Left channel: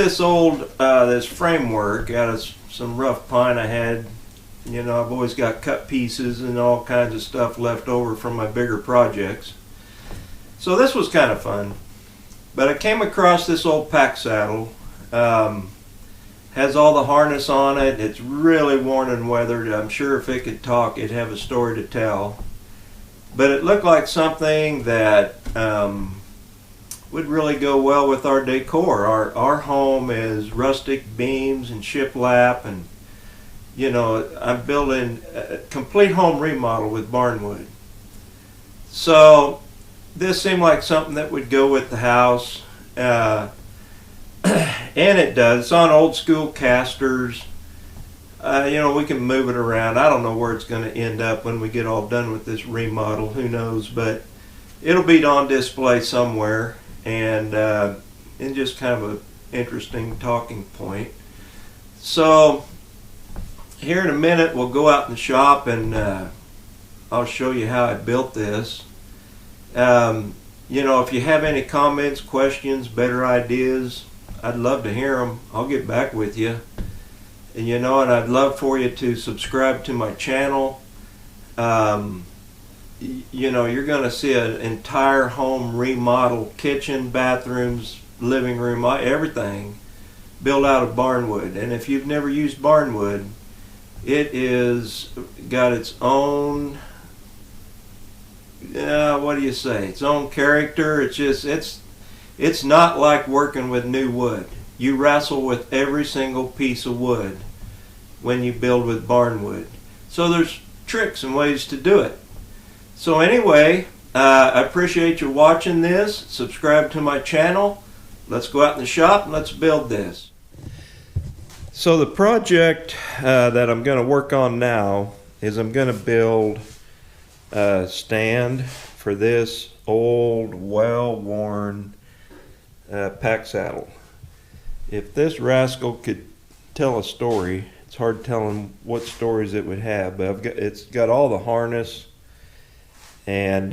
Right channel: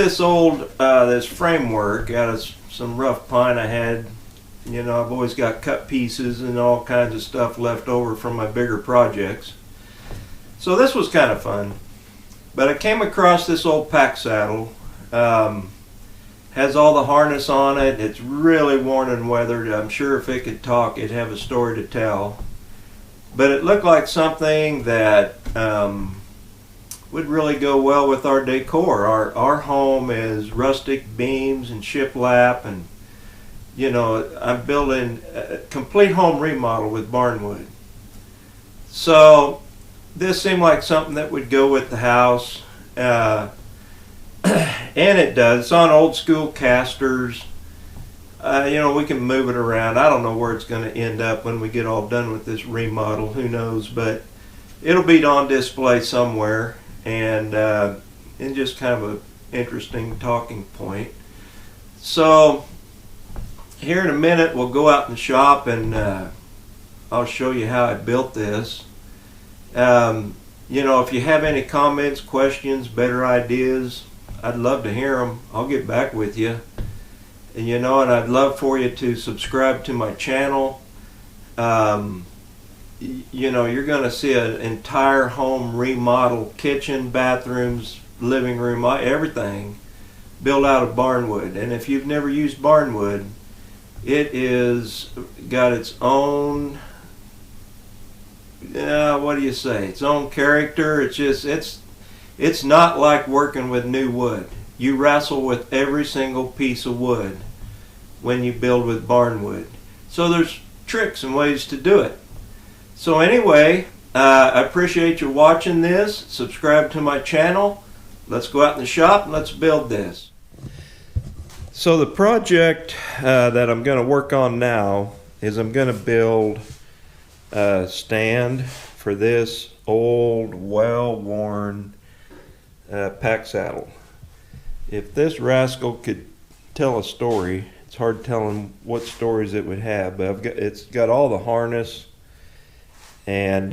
this old this framework out of some rough pine I had. You know, I've always got cut pieces and all kinds of stuff left over from my bigger projects. So this was kind of fun. But I came across this old pack saddle. Has all the harness on it. It's really worn and weathered. I'm sure if it could talk, it'd have a story to tell. But it looked like something that would really go well with our decor. Our home is rustic beams and shiplap, and you know, I'm building a complete home remodel with Barnwood. So this seemed like something that would go with the house. And it does. It's on old school casters. You know, we can move it around. I don't know where it's going to end up when we get all done with this remodel. Who knows? But it'll be on display somewhere, and just kind of an interesting talking point. So here in a minute, we'll go out in the shop, and I'll show you how I built this. You know, if you have any comments, questions, better ideas, I'd love to hear them. I'll get back with you. And you know, and I'd love for you to subscribe to my channel. You know, you're going to see an entire home remodel, kitchen, bathrooms, living room, everything built out of Barnwood. And if you've never used Barnwood, it is got its own, what do you say? Its own character. It's just, it's not like working with new wood. You wrestle with every single piece of wood when you build with Barnwood. So there's tricks and ways to do it. So anyway, I appreciate you watching this. Subscribe to my channel. Let's go out in the shop and let's build this. So the project that I'm going to work on now is I'm going to build a stand for this old, well-worn pack saddle. If this rascal could tell a story, it's hard telling what stories it would have, but it's got all the harness and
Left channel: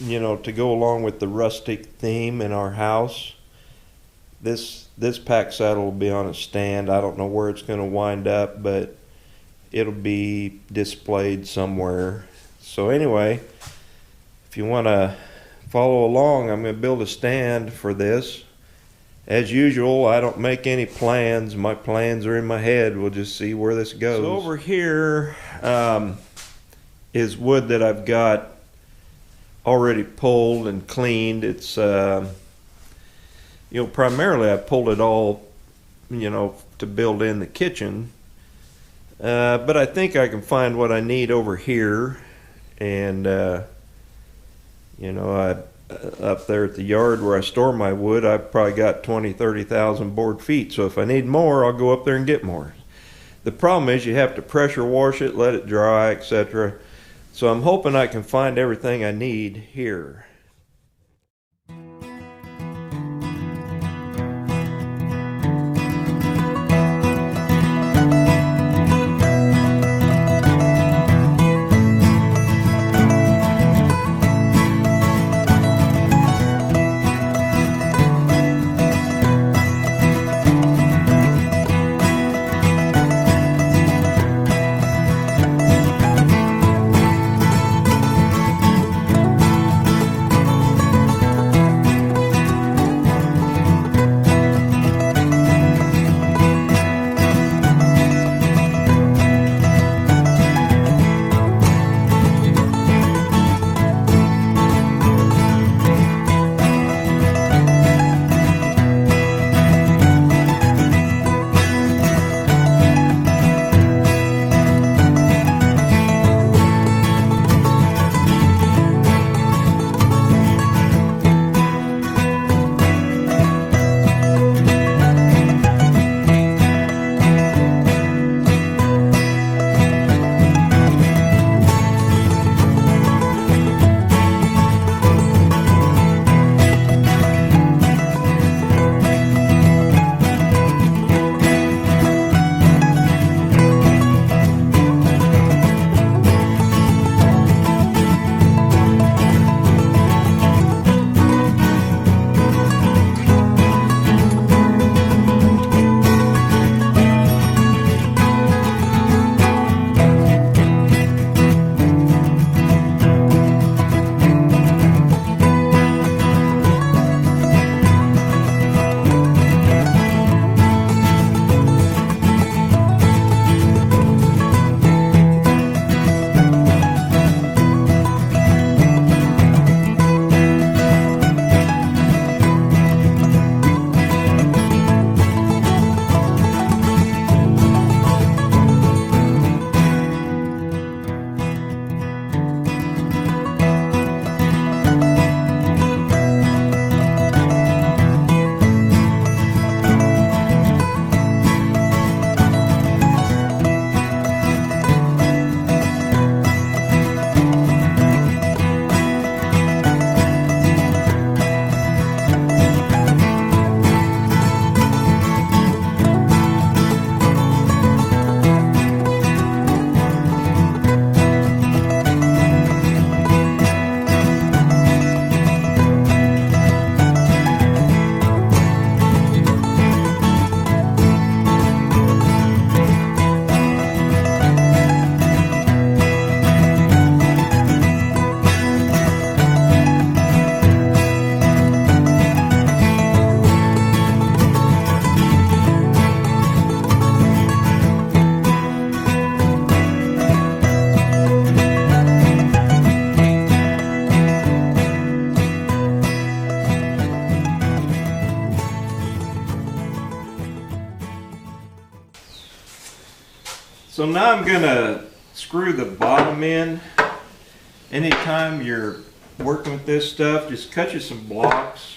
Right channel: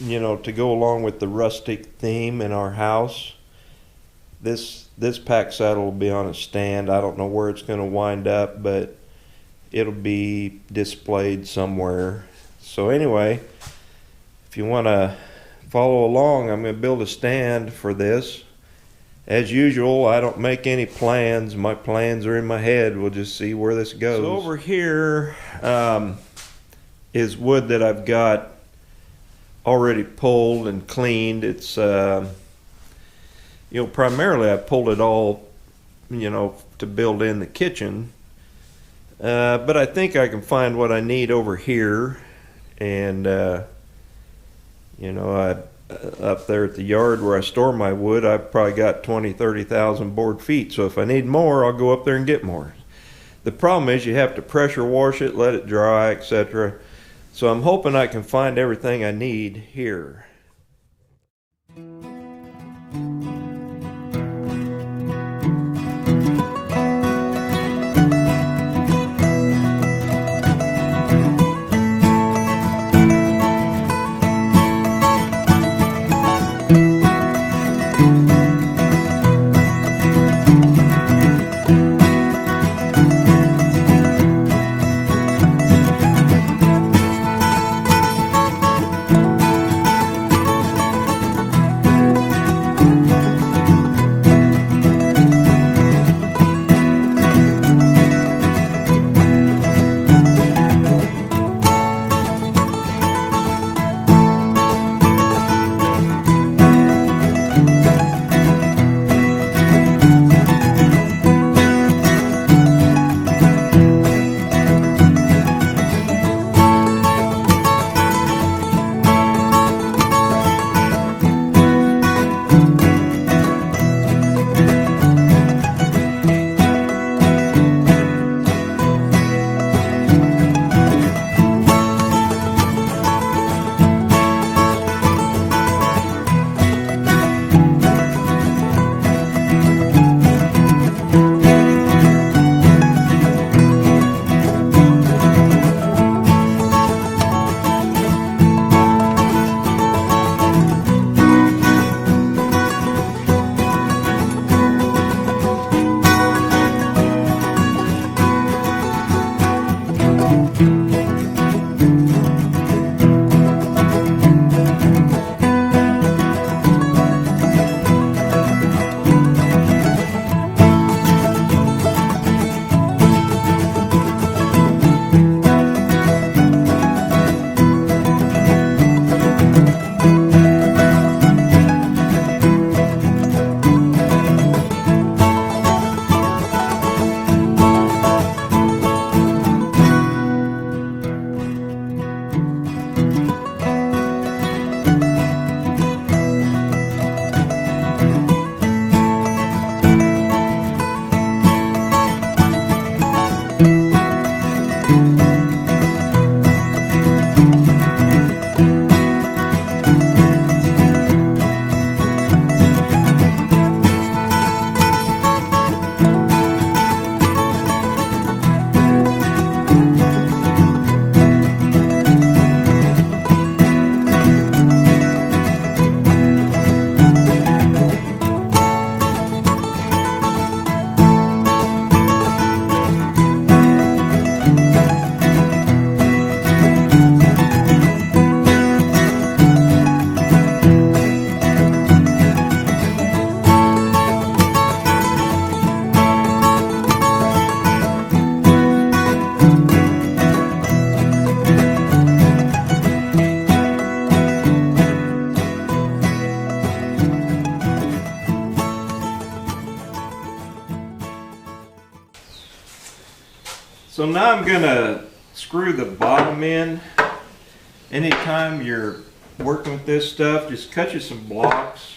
you know, to go along with the rustic theme in our house. This pack saddle will be on a stand. I don't know where it's going to wind up, but it'll be displayed somewhere. So anyway, if you want to follow along, I'm going to build a stand for this. As usual, I don't make any plans. My plans are in my head. We'll just see where this goes. So over here is wood that I've got already pulled and cleaned. It's you know, primarily I pulled it all, you know, to build in the kitchen. But I think I can find what I need over here, and you know, up there at the yard where I store my wood, I've probably got 20,000-30,000 board feet. So if I need more, I'll go up there and get more. The problem is you have to pressure wash it, let it dry, etc. So I'm hoping I can find everything I need here. So now I'm gonna screw the bottom in. Anytime you're working with this stuff, just cut you some blocks.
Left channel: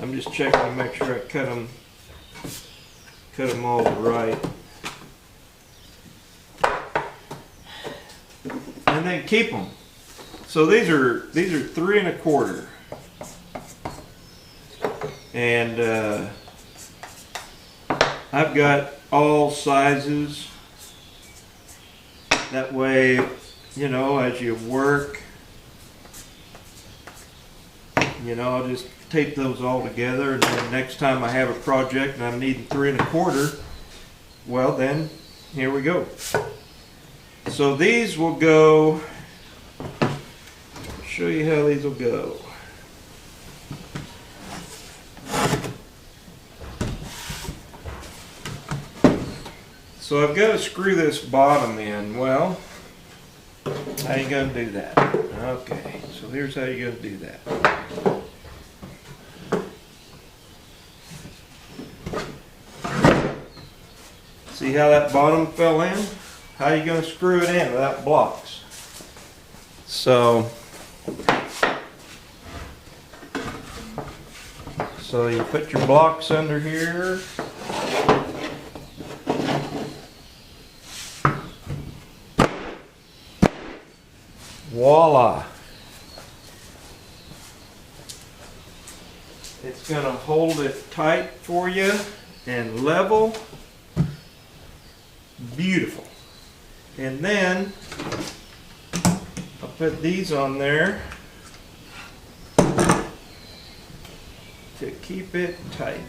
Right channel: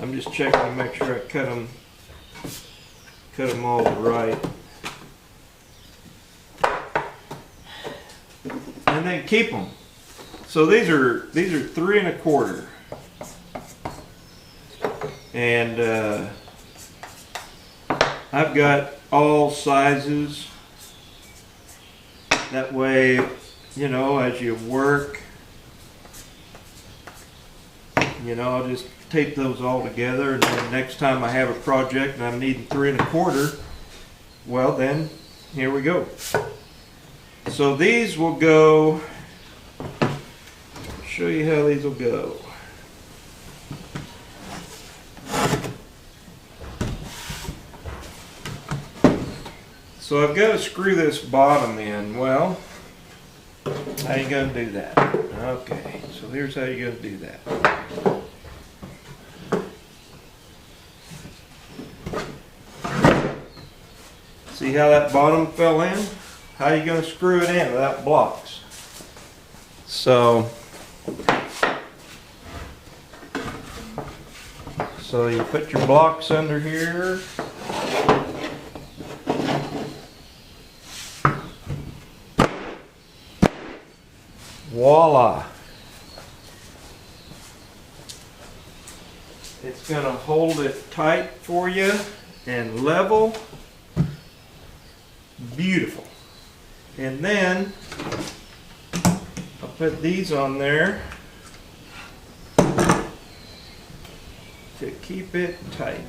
I'm just checking to make sure I cut them all right. And then keep them. So these are 3 1/4. And I've got all sizes. That way, you know, as you work, you know, I'll just tape those all together, and then next time I have a project and I'm needing 3 1/4, well then, here we go. So these will go, I'll show you how these will go. So I've got to screw this bottom in. Well, how you going to do that? Okay, so here's how you're going to do that. See how that bottom fell in? How are you going to screw it in without blocks? So you put your blocks under here. Voila! It's going to hold it tight for you and level. Beautiful. And then I'll put these on there to keep it tight.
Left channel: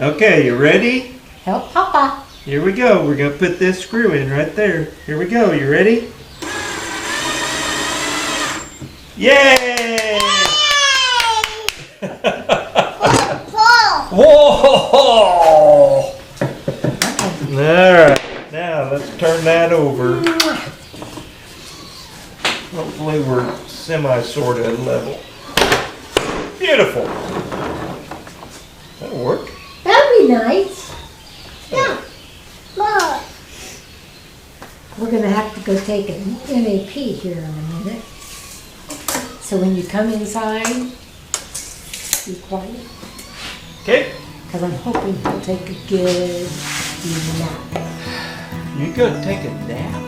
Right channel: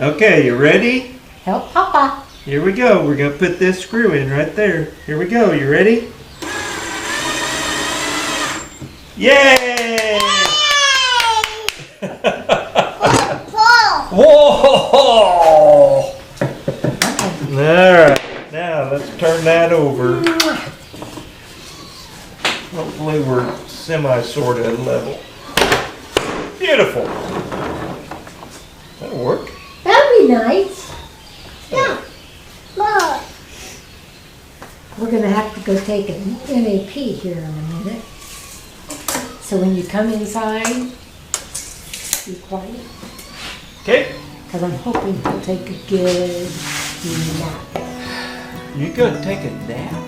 Okay, you ready? Help Papa. Here we go. We're going to put this screw in right there. Here we go. You ready? Yay! Whoa! Alright, now let's turn that over. Hopefully we're sort of level. Beautiful. That'll work. That'd be nice. Yeah. Look. We're going to have to go take an NAP here in a minute. So when you come inside, be quiet. Okay. Because I'm hoping he'll take a good nap. You gonna take a nap?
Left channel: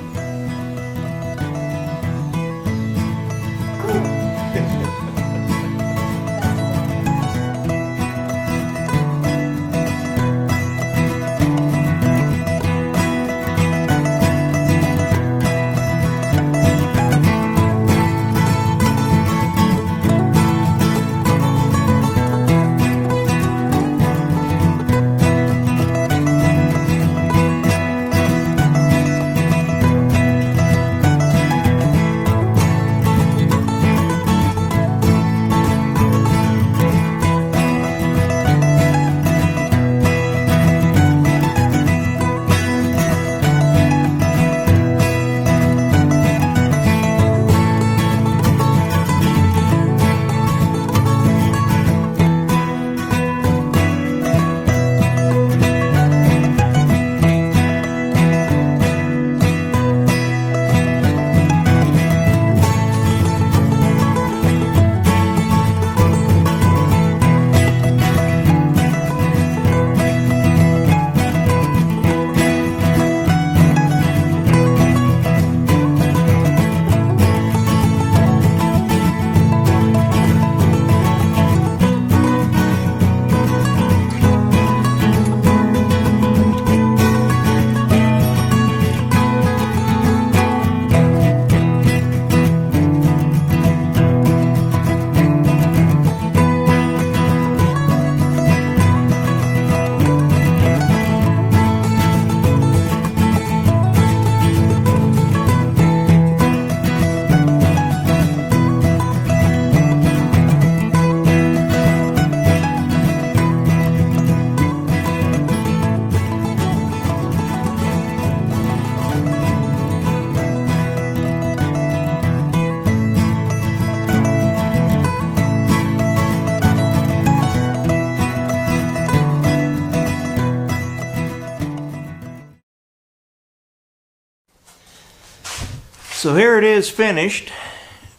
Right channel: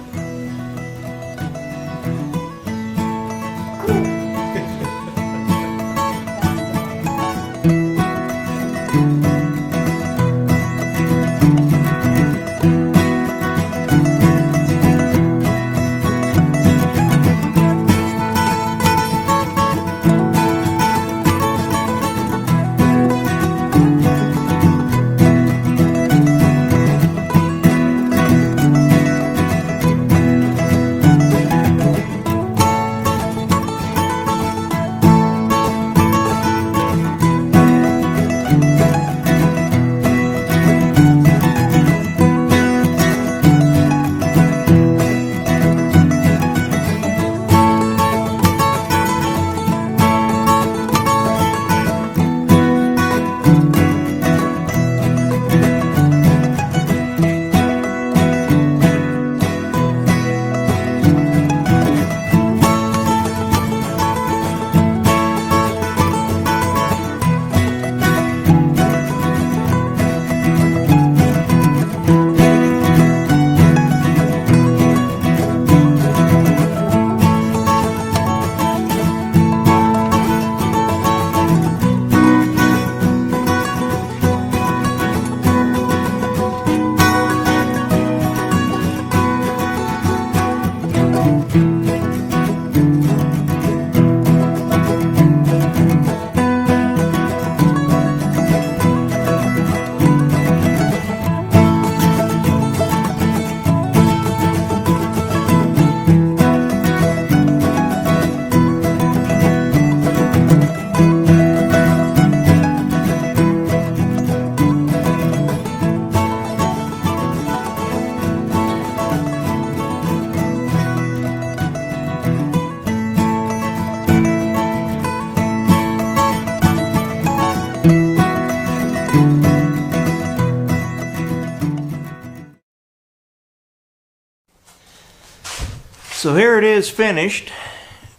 So here it is finished.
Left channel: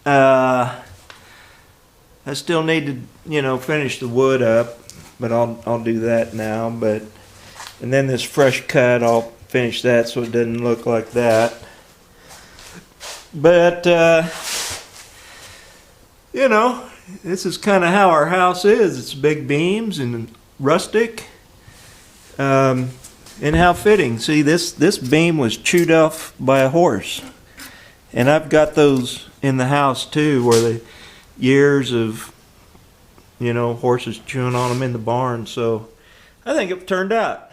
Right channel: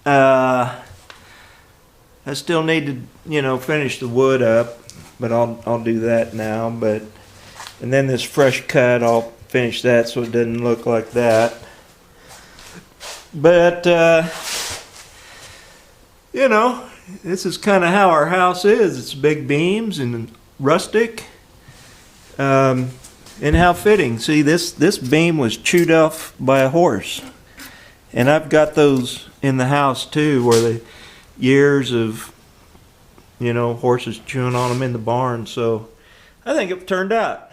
I still need to, you know, finish the wood up, but I'll do that now. And then this fresh cut, I'll finish that so it doesn't look like that. But you know, this is kind of how our house is. It's big beams and rustic, and how fitting. See, this beam was chewed off by a horse, and I've got those in the house too, where the years of, you know, horses chewing on them in the barn. So I think it turned out.